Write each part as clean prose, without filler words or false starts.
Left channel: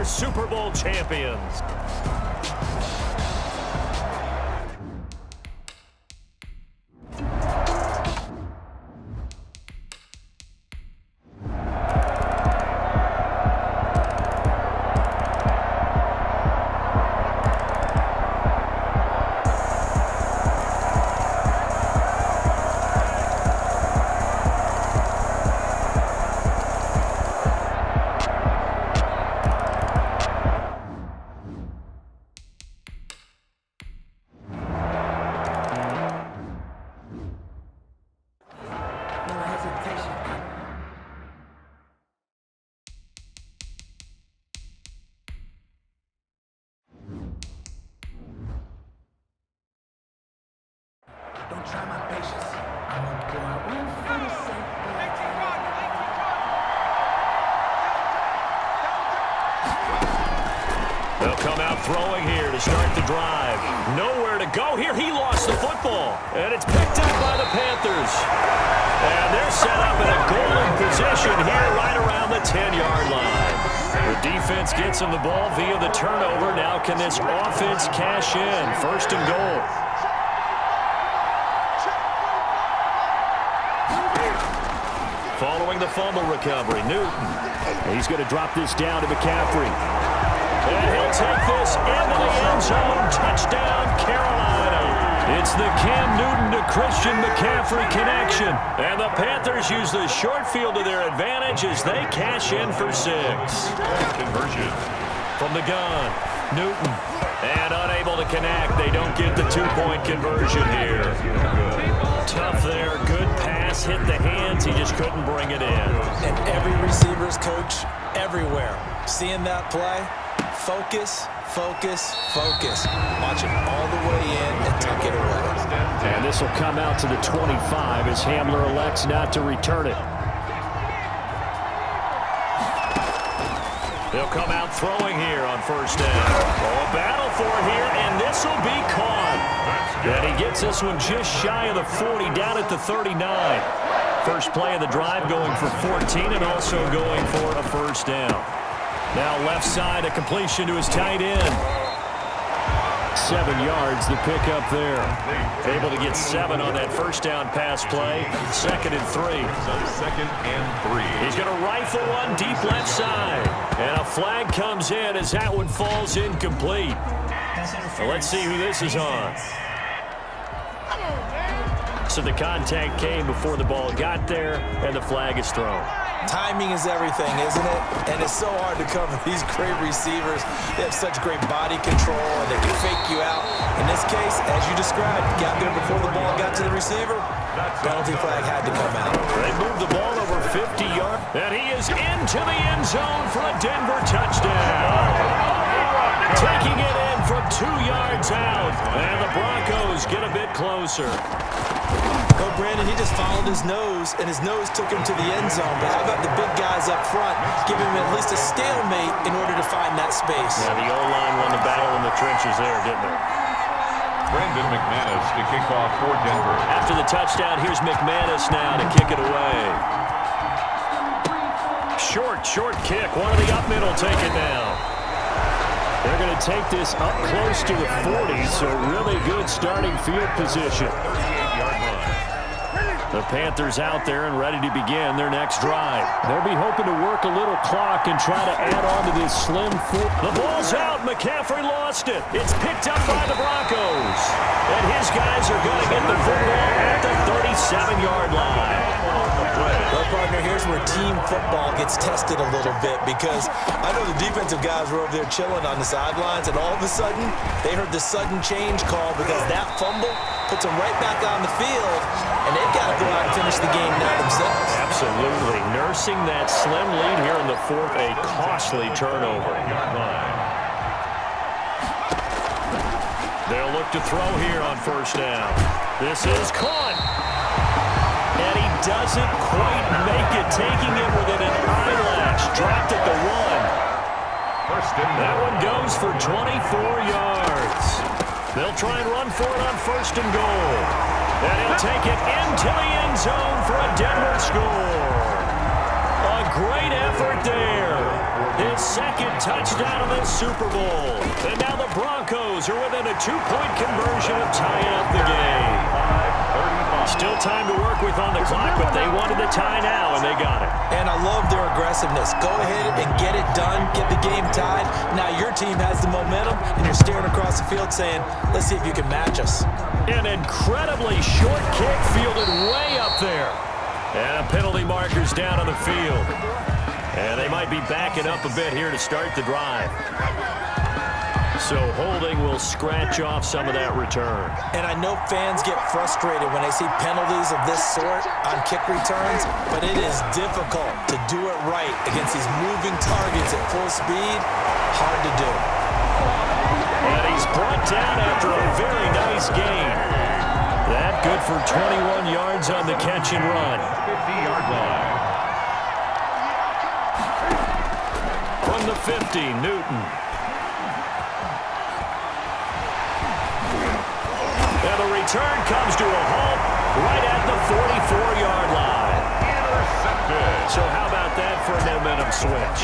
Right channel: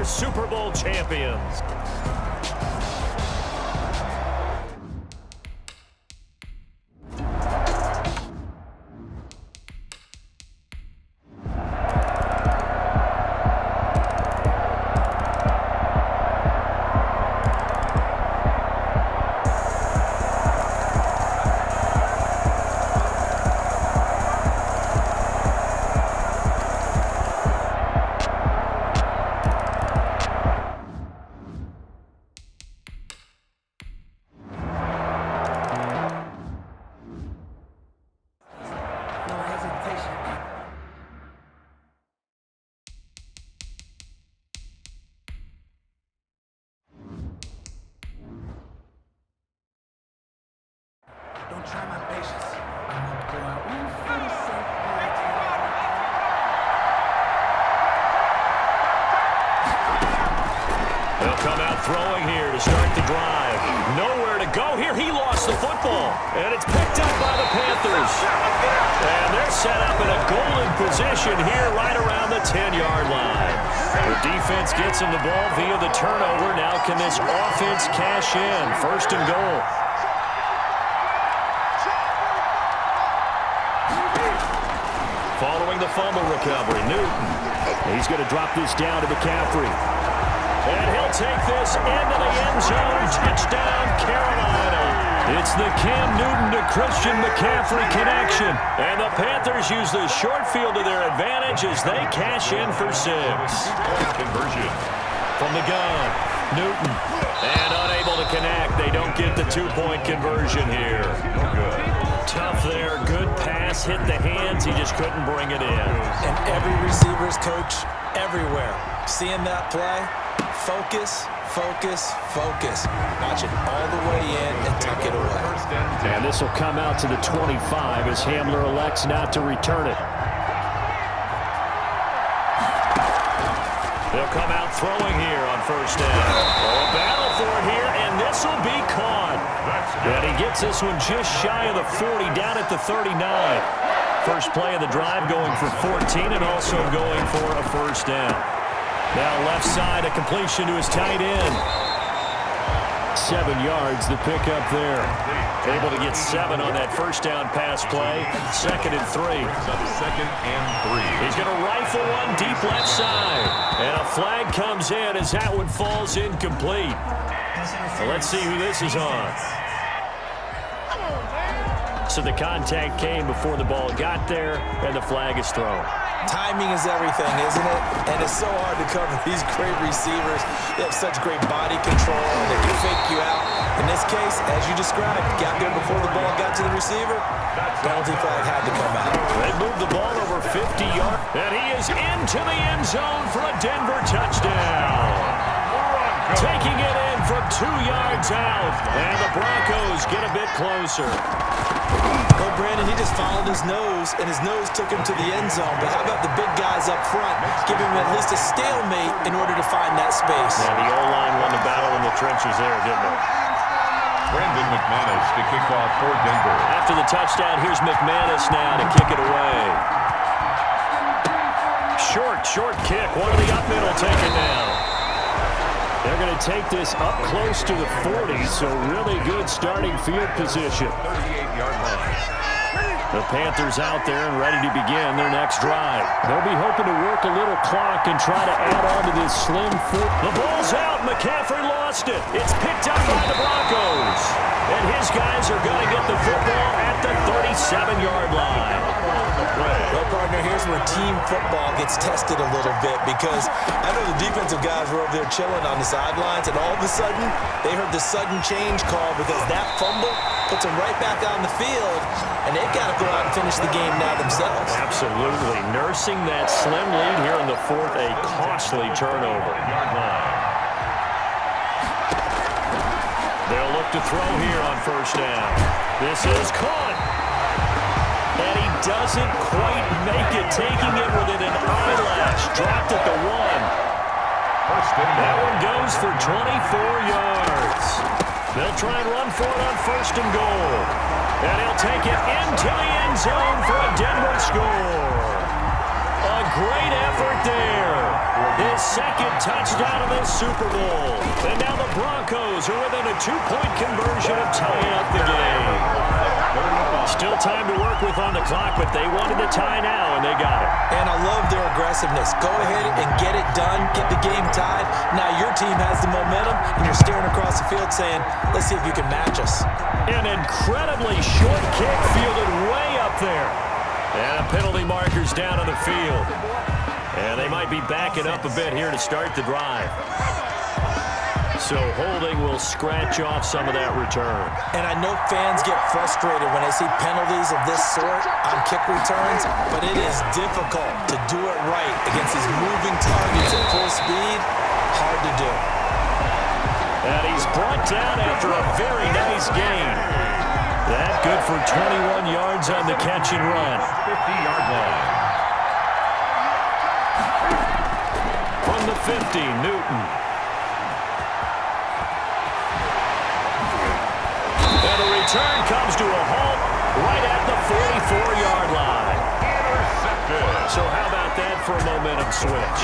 your Super Bowl champions. Don't try my patience. I'm gonna go out one for the sake. They'll come out throwing here to start the drive. Nowhere to go here. He lost the football. And it's picked up by the Panthers. And they're set up in a golden position here right around the 10-yard line. The defense gets him the ball via the turnover. Now can this offense cash in? First and goal. Following the fumble recovery, Newton. He's going to drop this down to McCaffrey. And he'll take this into the end zone. Touchdown, Carolina. It's the Cam Newton to Christian McCaffrey connection. And the Panthers use the short field to their advantage as they cash in for 6. Conversion. From the gun, Newton. And unable to connect. They don't get the 2-point conversion here. No good. Tough there. Good pass. Hit the hands. He just couldn't bring it in. And every receiver's coach everywhere. Seeing that play, focus, focus, focus. Watch it all the way in and tuck it away. And this will come out to the 25 as Hamler elects not to return it. They'll come out throwing here on first down. Oh, a battle for it here, and this will be caught. And he gets this one just shy of the 40, down at the 39. First play of the drive going for 14 and also going for a first down. Now left side, a completion to his tight end. 7 yards, the pickup there. Able to get 7 on that first down pass play. 2nd and 3. Second and 3. He's going to rifle one deep left side. And a flag comes in as that one falls incomplete. So let's see who this is on. So the contact came before the ball got there, and the flag is thrown. Timing is everything, isn't it? And it's so hard to cover these great receivers. They have such great body control, and they can fake you out. In this case, as you described, got there before the ball got to the receiver. Penalty flag had to come out. They moved the ball over 50 yards, and he is into the end zone for a Denver touchdown. Taking it in from 2 yards out, and the Broncos get a bit closer. Well, Brandon, he just followed his nose, and his nose took him to the end zone. But how about the big guys up front? Give him at least a stalemate in order to find that space. Yeah, the O-line won the battle in the trenches there, didn't it? Brandon McManus to kick off for Denver. After the touchdown, here's McManus now to kick it away. Short kick. One of the up middle take it now. They're going to take this up close to the 40, so really good starting field position. 38-yard line. The Panthers out there and ready to begin their next drive. They'll be hoping to work a little clock and try to add on to this slim foot. The ball's out. McCaffrey lost it. It's picked up by the Broncos. And his guys are going to get the football at the 37-yard line. Well, partner, here's where team football gets tested a little bit, because I know the defensive guys were over there chilling on the sidelines, and all of a sudden, they heard the sudden change call because that fumble puts them right back on the field, and they've got to go out and finish the game now themselves. Absolutely. Nursing that slim lead here in the fourth, a costly turnover. Yard line. They'll look to throw here on first down. This is caught. And he doesn't quite make it, taking it within an eyelash. Dropped at the 1. That one goes for 24 yards. They'll try and run for it on first and goal. And he'll take it into the end zone for a Denver score. A great effort there. His second touchdown of this Super Bowl. And now the Broncos are within a 2-point conversion of tying up the game. Still time to work with on the clock, but they wanted the tie now, and they got it. And I love their aggressiveness. Go ahead and get it done, get the game tied. Now your team has the momentum, and you're staring across the field saying, let's see if you can match us. An incredibly short kick fielded way up there. And a penalty marker's down on the field. And they might be backing up a bit here to start the drive. So holding will scratch off some of that return. And I know fans get frustrated when they see penalties of this sort on kick returns, but it is difficult to do it right against these moving targets at full speed. Hard to do. And he's brought down after a very nice gain. That good for 21 yards on the catch and run. 50-yard line. From the 50, Newton. And the return comes to a halt right at the 44-yard line. Intercepted. So how about that for a momentum switch?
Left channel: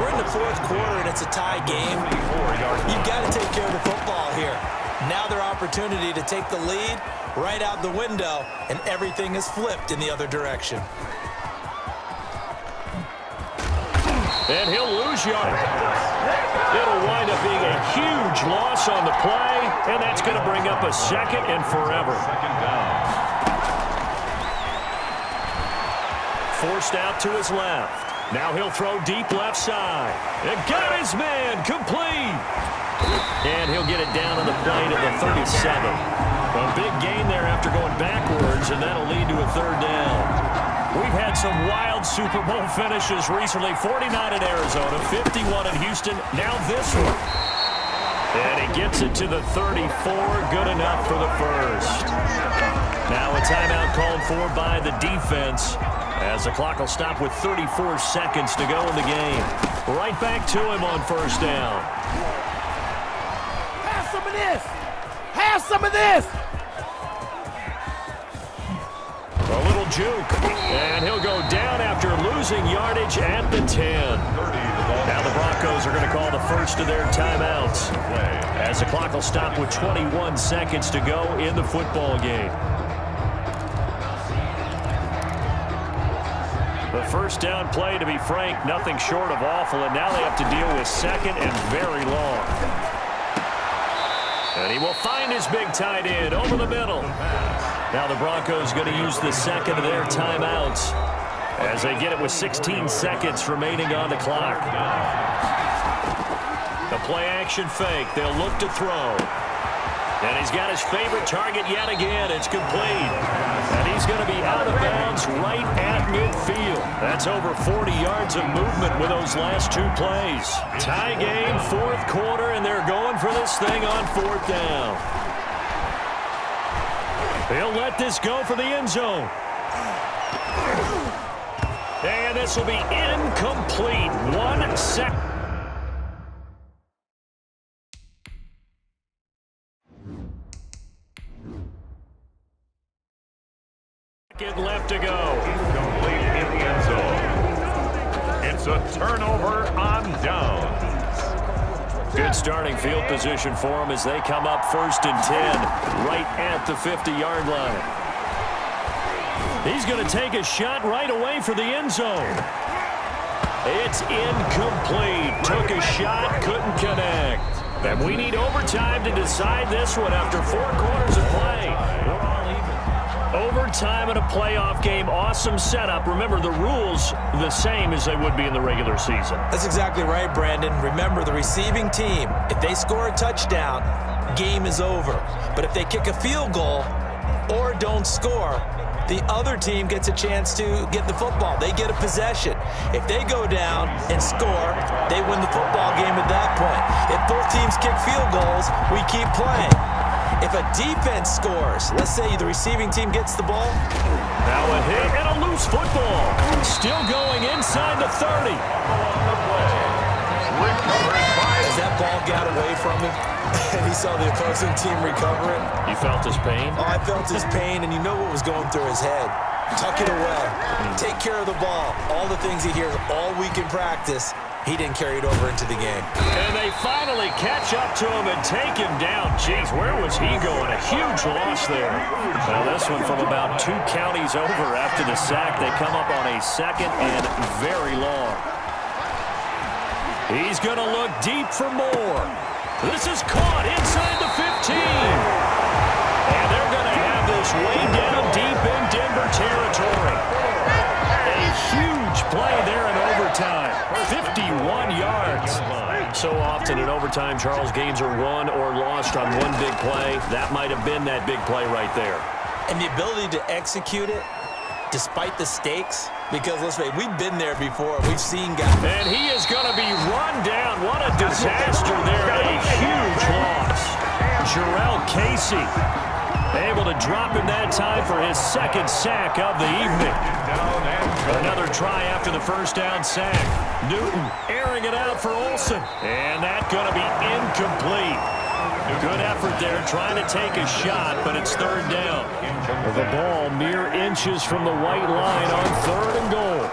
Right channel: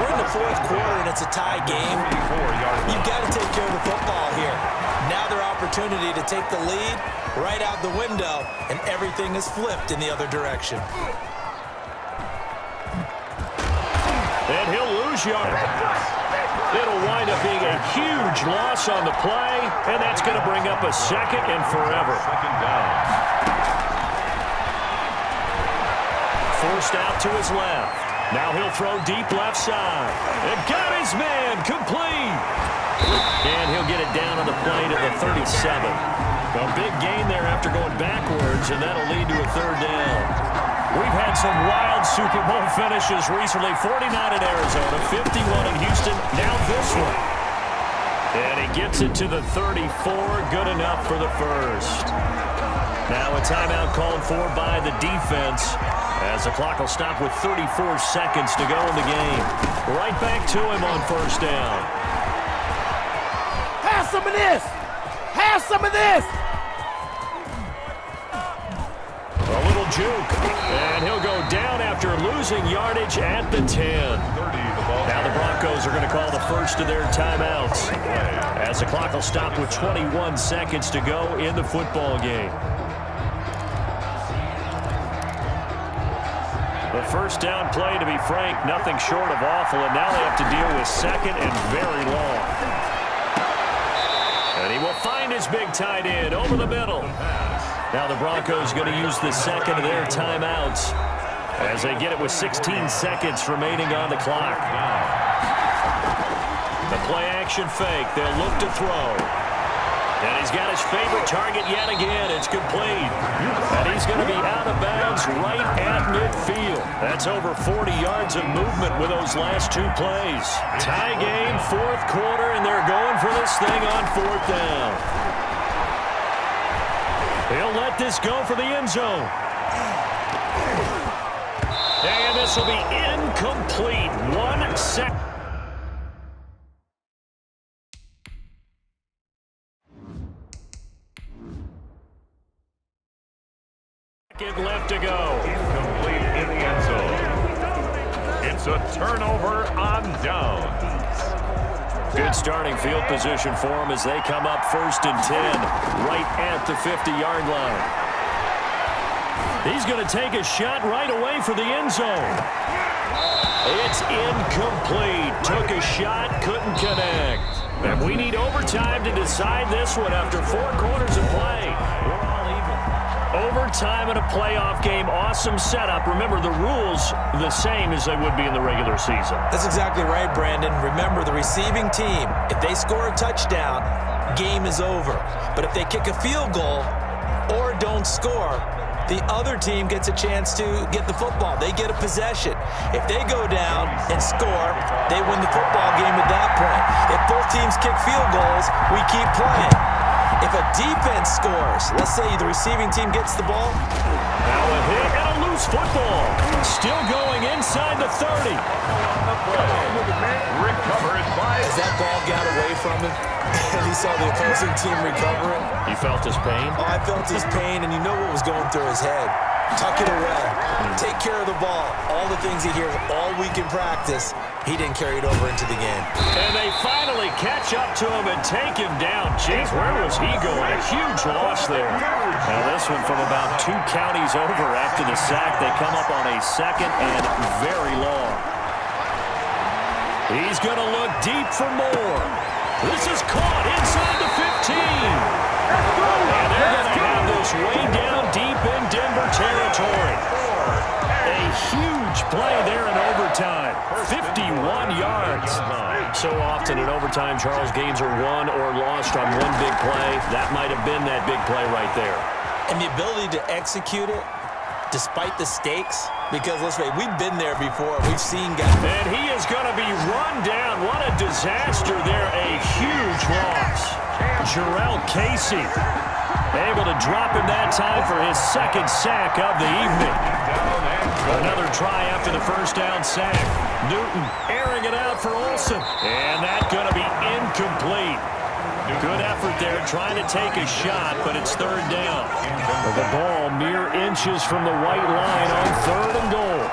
We're in the fourth quarter, and it's a tie game. You've got to take care of the football here. Now their opportunity to take the lead right out the window, and everything is flipped in the other direction. And he'll lose yardage. It'll wind up being a huge loss on the play, and that's going to bring up a second and forever. Second down. Forced out to his left. Now he'll throw deep left side. And got his man complete. And he'll get it down on the play to the 37. A big gain there after going backwards, and that'll lead to a third down. We've had some wild Super Bowl finishes recently. 49 in Arizona, 51 in Houston, now this one. And he gets it to the 34, good enough for the first. Now a timeout called for by the defense as the clock will stop with 34 seconds to go in the game. Right back to him on first down. Have some of this. Have some of this. A little juke, and he'll go down after losing yardage at the 10. Now the Broncos are going to call the first of their timeouts as the clock will stop with 21 seconds to go in the football game. The first down play, to be frank, nothing short of awful, and now they have to deal with second and very long. And he will find his big tight end over the middle. Now the Broncos going to use the second of their timeouts as they get it with 16 seconds remaining on the clock. The play action fake. They'll look to throw. And he's got his favorite target yet again. It's complete. And he's going to be out of bounds right at midfield. That's over 40 yards of movement with those last two plays. Tie game, fourth quarter, and they're going for this thing on fourth down. He'll let this go for the end zone. And this will be incomplete. 1 second. Left to go. Incomplete in the end zone. It's a turnover on downs. Good starting field position for them as they come up 1st and 10 right at the 50-yard line. He's going to take a shot right away for the end zone. It's incomplete. Took a shot, couldn't connect. And we need overtime to decide this one after 4 quarters of play. We're all even. Overtime in a playoff game, awesome setup. Remember, the rules the same as they would be in the regular season. That's exactly right, Brandon. Remember, the receiving team, if they score a touchdown, game is over. But if they kick a field goal or don't score, the other team gets a chance to get the football. They get a possession. If they go down and score, they win the football game at that point. If both teams kick field goals, we keep playing. If a defense scores, let's say the receiving team gets the ball. Now a hit and a loose football. Still going inside the 30. On the play. Recovered by... As that ball got away from him, and he saw the opposing team recover it. You felt his pain? Oh, I felt his pain, and you know what was going through his head. tuck it away, take care of the ball. All the things he hears all week in practice, he didn't carry it over into the game. And they finally catch up to him and take him down. Jeez, where was he going? A huge loss there. Now this one from about 2 counties over after the sack. They come up on a 2nd and very long. He's going to look deep for more. This is caught inside the 15. And they're going to have this way down deep in Denver territory. A huge play there in overtime. 51 yards. So often in overtime, Charles, games are won or lost on one big play. That might have been that big play right there. And the ability to execute it despite the stakes, because let's face it, we've been there before. We've seen guys. And he is going to be run down. What a disaster there. A huge loss. Jarrell Casey able to drop him that time for his 2nd sack of the evening. Another try after the first down sack. Newton airing it out for Olsen. And that's going to be incomplete. Good effort there trying to take a shot, but it's 3rd down. The ball mere inches from the white line on 3rd and goal.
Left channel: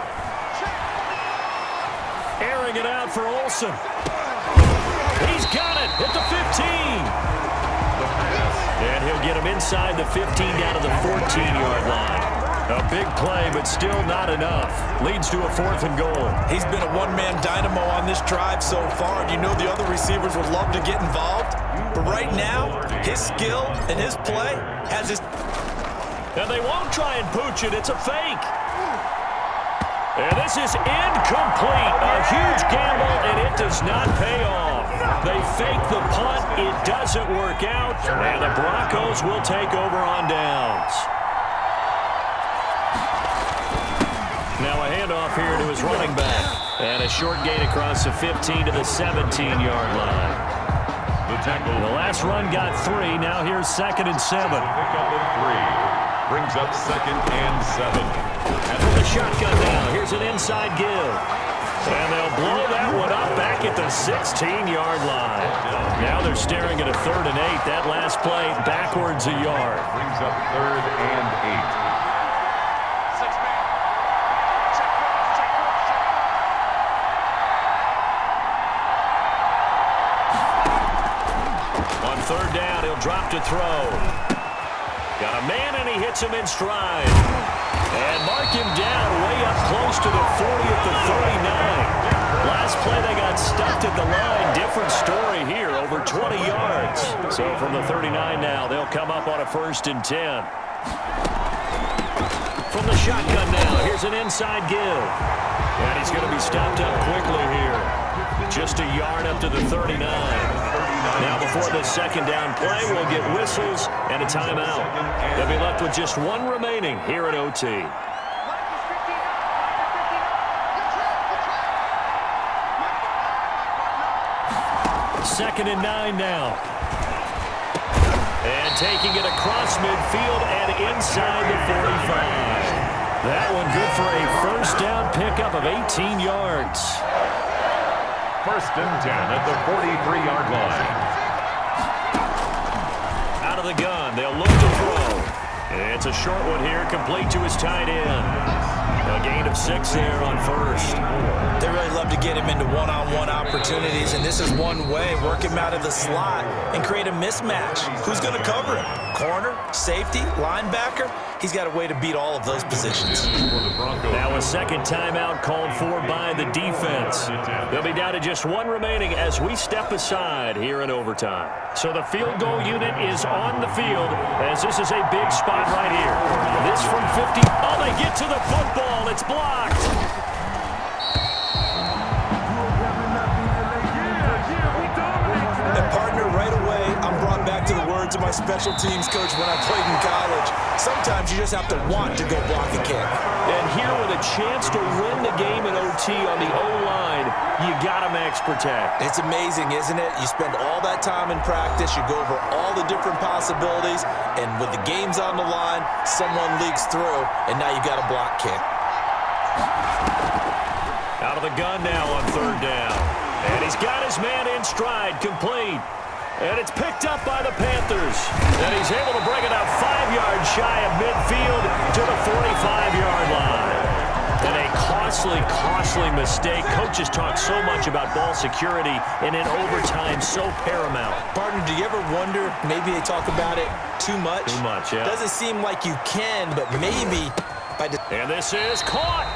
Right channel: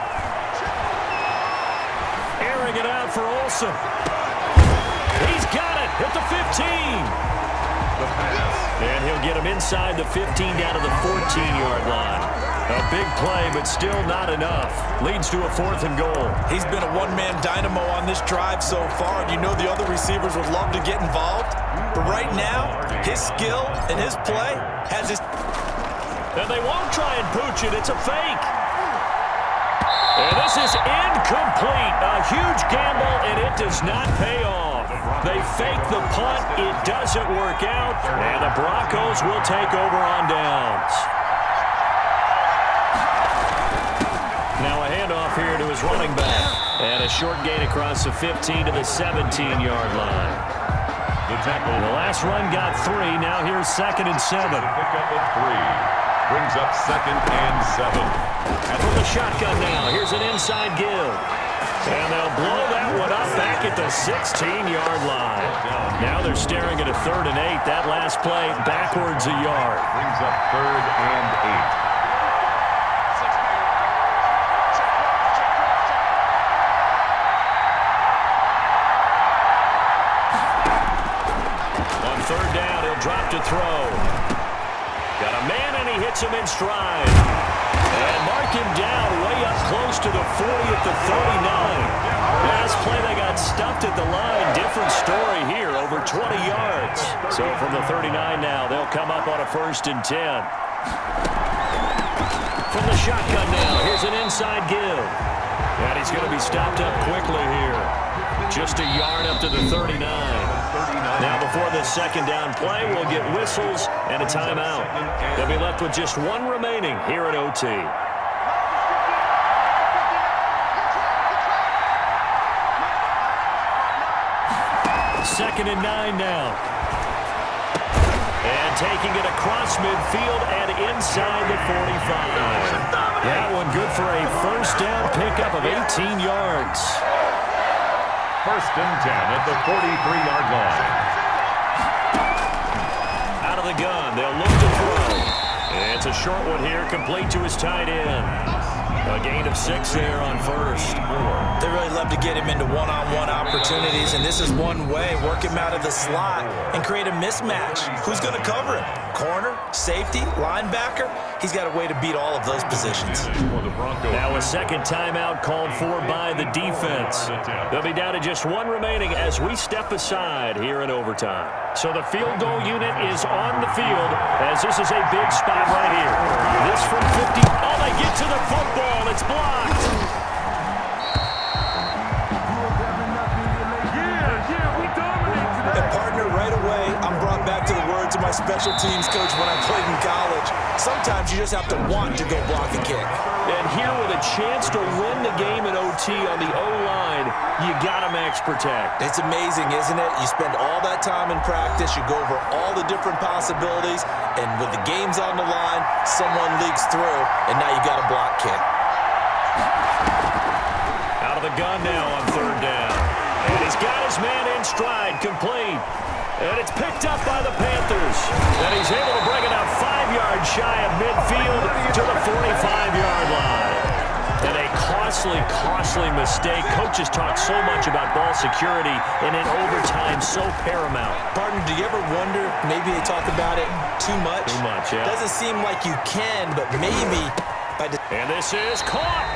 Airing it out for Olsen. He's got it at the 15. And he'll get him inside the 15 down to the 14-yard line. A big play, but still not enough. Leads to a 4th and goal. He's been a one-man dynamo on this drive so far, and you know the other receivers would love to get involved. But right now, his skill and his play has his... And they won't try and pooch it. It's a fake. And this is incomplete. A huge gamble, and it does not pay off. They fake the punt. It doesn't work out. And the Broncos will take over on downs. Now a handoff here to his running back. And a short gain across the 15 to the 17-yard line. The last run got 3. Now here's 2nd and 7. Pick up a 3. Brings up 2nd and 7. And from the shotgun now, here's an inside give. And they'll blow that one up back at the 16-yard line. Now they're staring at a 3rd and 8. That last play backwards a yard. Brings up 3rd and 8. On 3rd down, he'll drop to throw. Got a man, and he hits him in stride. And mark him down way up close to the 40 at the 39. Last play, they got stuffed at the line. Different story here, over 20 yards. So from the 39 now, they'll come up on a 1st and 10. From the shotgun now, here's an inside give. And he's going to be stopped up quickly here. Just a yard up to the 39. Now before the 2nd down play, we'll get whistles and a timeout. They'll be left with just 1 remaining here at OT. 2nd and 9 now. And taking it across midfield and inside the 45. That one good for a 1st down pickup of 18 yards. 1st and 10 at the 43-yard line. Out of the gun, they'll look to throw. It's a short one here, complete to his tight end. A gain of 6 there on 1st. They really love to get him into one-on-one opportunities, and this is one way. Work him out of the slot and create a mismatch. Who's going to cover him? Corner, safety, linebacker? He's got a way to beat all of those positions. Now a 2nd timeout called for by the defense. They'll be down to just 1 remaining as we step aside here in overtime. So the field goal unit is on the field as this is a big spot right here. This from 50. Oh, they get to the football. It's blocked. And partner, right away, I'm brought back to the words of my special teams coach when I played in college. Sometimes you just have to want to go block a kick. And here with a chance to win the game in OT on the O-line, you got to max protect. It's amazing, isn't it? You spend all that time in practice, you go over all the different possibilities, and with the games on the line, someone leaks through, and now you got a block kick. Out of the gun now on 3rd down. And he's got his man in stride, complete. And it's picked up by the Panthers. And he's able to bring it out 5 yards shy of midfield to the 45 tremendously costly mistake. Coaches talk so much about ball security, and in overtime, so paramount. Partner, do you ever wonder if maybe they talk about it too much? Too much, yeah. Doesn't seem like you can, but maybe by and this is caught.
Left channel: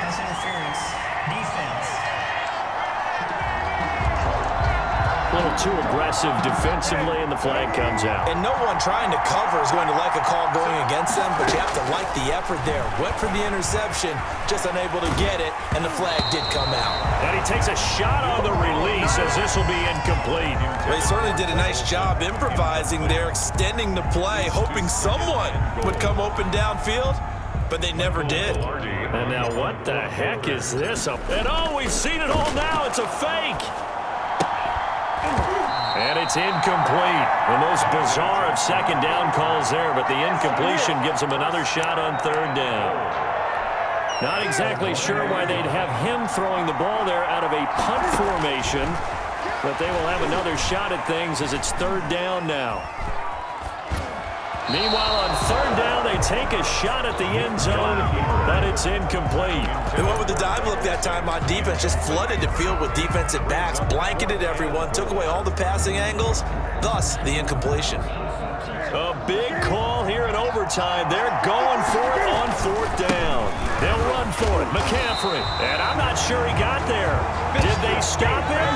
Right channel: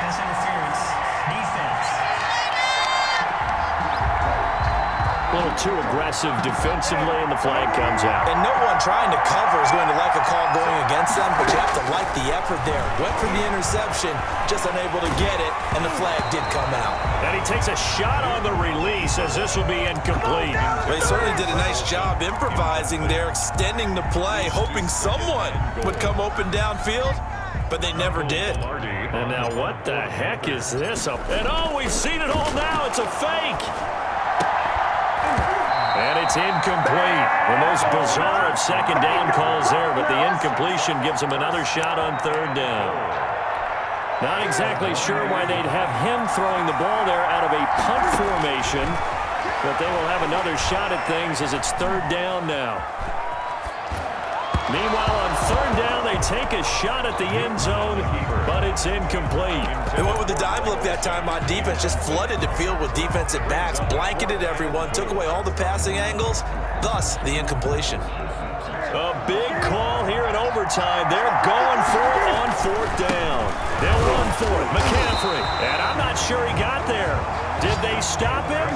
Pass interference. Defense. A little too aggressive defensively, and the flag comes out. And no one trying to cover is going to like a call going against them, but you have to like the effort there. Went for the interception, just unable to get it, and the flag did come out. And he takes a shot on the release as this will be incomplete. Well, he certainly did a nice job improvising there, extending the play, hoping someone would come open downfield, but they never did. And now what the heck is this? And oh, we've seen it all now. It's a fake. And it's incomplete. The most bizarre of second down calls there, but the incompletion gives him another shot on third down. Not exactly sure why they'd have him throwing the ball there out of a punt formation, but they will have another shot at things as it's third down now. Meanwhile, on third down, they take a shot at the end zone, but it's incomplete. They went with the dive look that time on defense, just flooded the field with defensive backs, blanketed everyone, took away all the passing angles, thus the incompletion. A big call here in overtime. They're going for it on fourth down. They'll run for it. McCaffrey. And I'm not sure he got there. Did they stop him?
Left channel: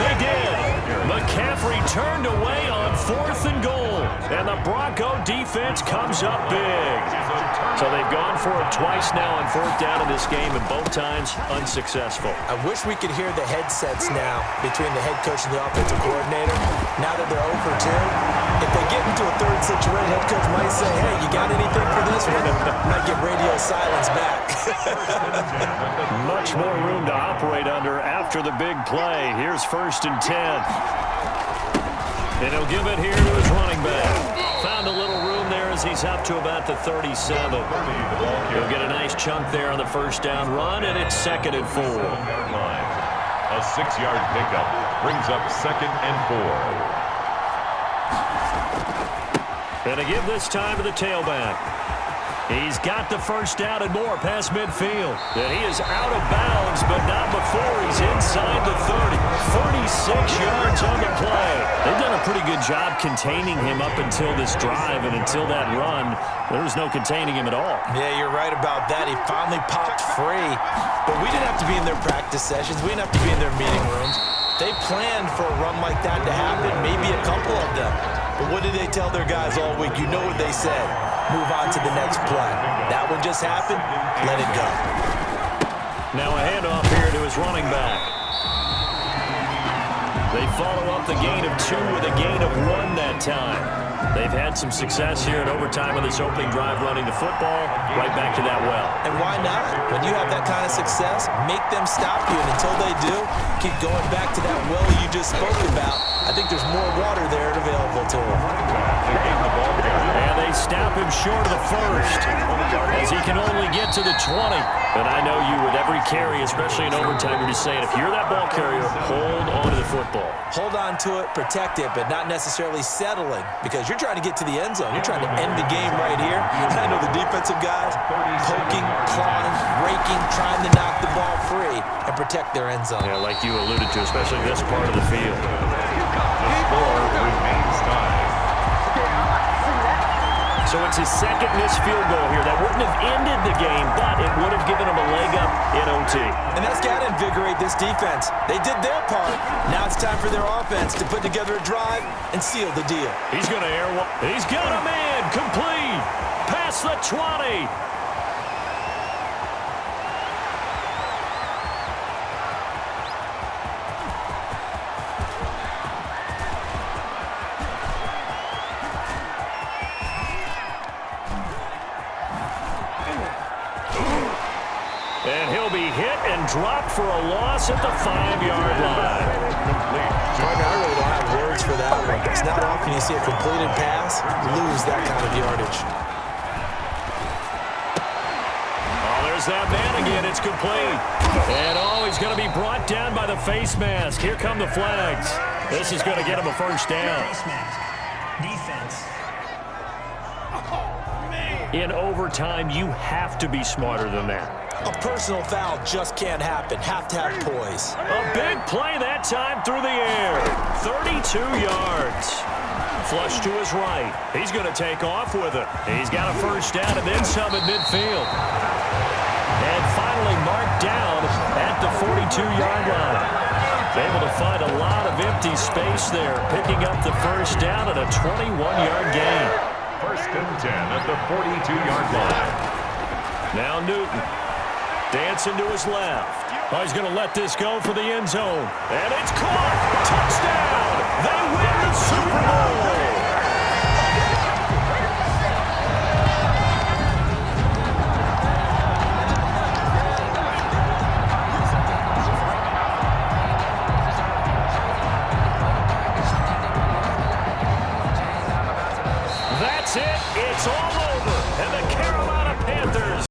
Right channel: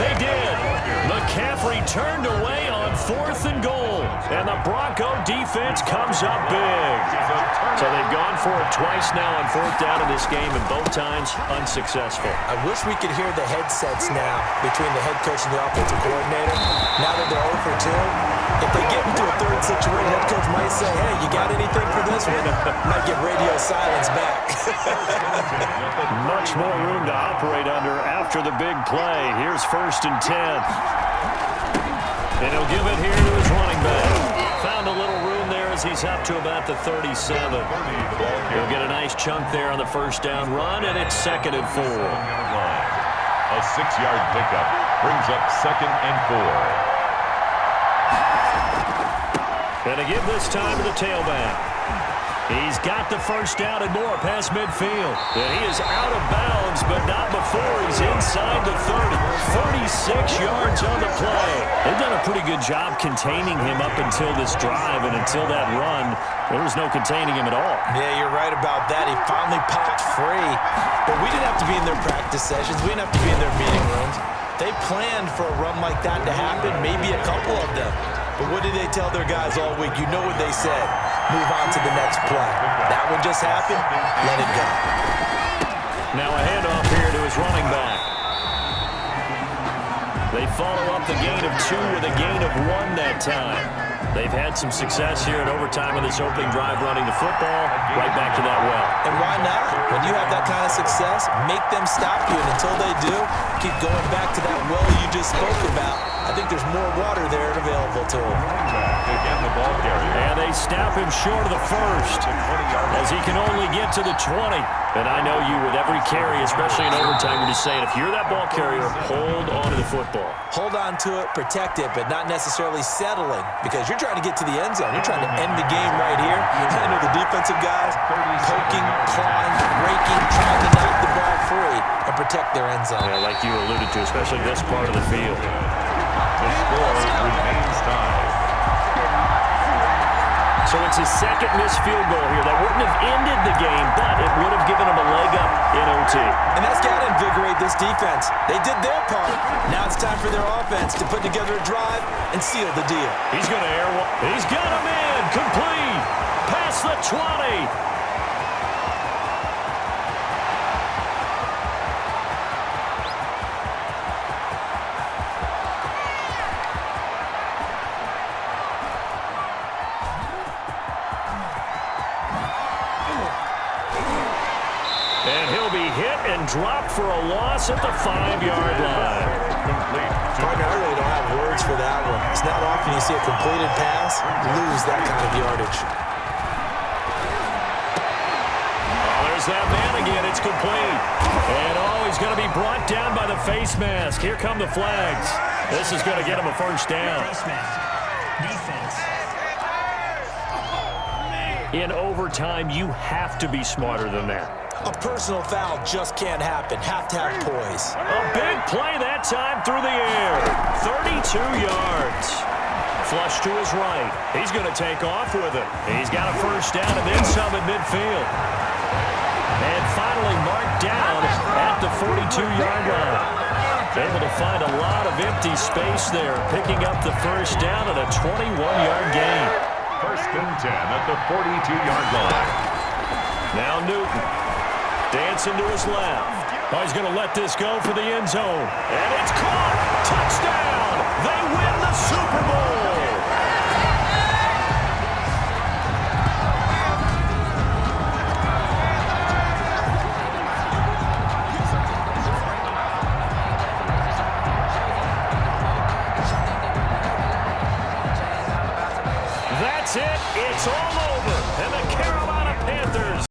They did. McCaffrey turned away on fourth and goal. And the Bronco defense comes up big. So they've gone for it twice now on fourth down in this game, and both times unsuccessful. I wish we could hear the headsets now between the head coach and the offensive coordinator. Now that they're 0 for 2, if they get into a third situation, head coach might say, hey, you got anything for this one? Might get radio silence back. Much more room to operate under after the big play. Here's 1st and 10. And he'll give it here to his running back. Found a little room there as he's up to about the 37. He'll get a nice chunk there on the first down run, and it's 2nd and 4. A 6-yard pickup brings up 2nd and 4. And to give this time to the tailback. He's got the first down and more past midfield. And he is out of bounds, but not before he's inside the 30. 36 yards on the play. They've done a pretty good job containing him up until this drive, and until that run, there was no containing him at all. Yeah, you're right about that. He finally popped free. But we didn't have to be in their practice sessions. We didn't have to be in their meeting rooms. They planned for a run like that to happen, maybe a couple of them. But what did they tell their guys all week? You know what they said. Move on to the next play. That one just happened. Let it go. Now a handoff here to his running back. They follow up the gain of 2 with a gain of 1 that time. They've had some success here in overtime with this opening drive running the football. Right back to that well. And why not? When you have that kind of success, make them stop you. And until they do, keep going back to that well you just spoke about. I think there's more water there available to him. And they snap him short of the first as he can only get to the 20. And I know you with every carry, especially in overtime, you're just saying, if you're that ball carrier, hold on to the football. Hold on to it, protect it, but not necessarily settling, because you're trying to get to the end zone. You're trying to end the game right here. And I know the defensive guys poking, clawing, raking, trying to knock the ball free and protect their end zone. Yeah, like you alluded to, especially this part of the field. The score remains tied. So it's his second missed field goal here. That wouldn't have ended the game, but it would have given him a leg up in OT. And that's got to invigorate this defense. They did their part. Now it's time for their offense to put together a drive and seal the deal. He's going to air one. He's got a man complete. Past the 20. And he'll be hit and dropped for a loss at the 5-yard line. Partner, I really don't have words for that one. It's not often you see a completed pass lose that kind of yardage. Oh, there's that man again. It's complete. And oh, he's going to be brought down by the face mask. Here come the flags. This is going to get him a first down. Face mask. Defense. In overtime, you have to be smarter than that. A personal foul just can't happen. Have to have poise. A big play that time through the air. 32 yards. Flush to his right. He's going to take off with it. He's got a first down and then some at midfield. And finally marked down at the 42-yard line. Able to find a lot of empty space there, picking up the first down and a 21-yard gain. First and 10 at the 42-yard line. Now Newton. Dancing to his left. Oh, he's going to let this go for the end zone. And it's caught. Touchdown. They win the Super Bowl.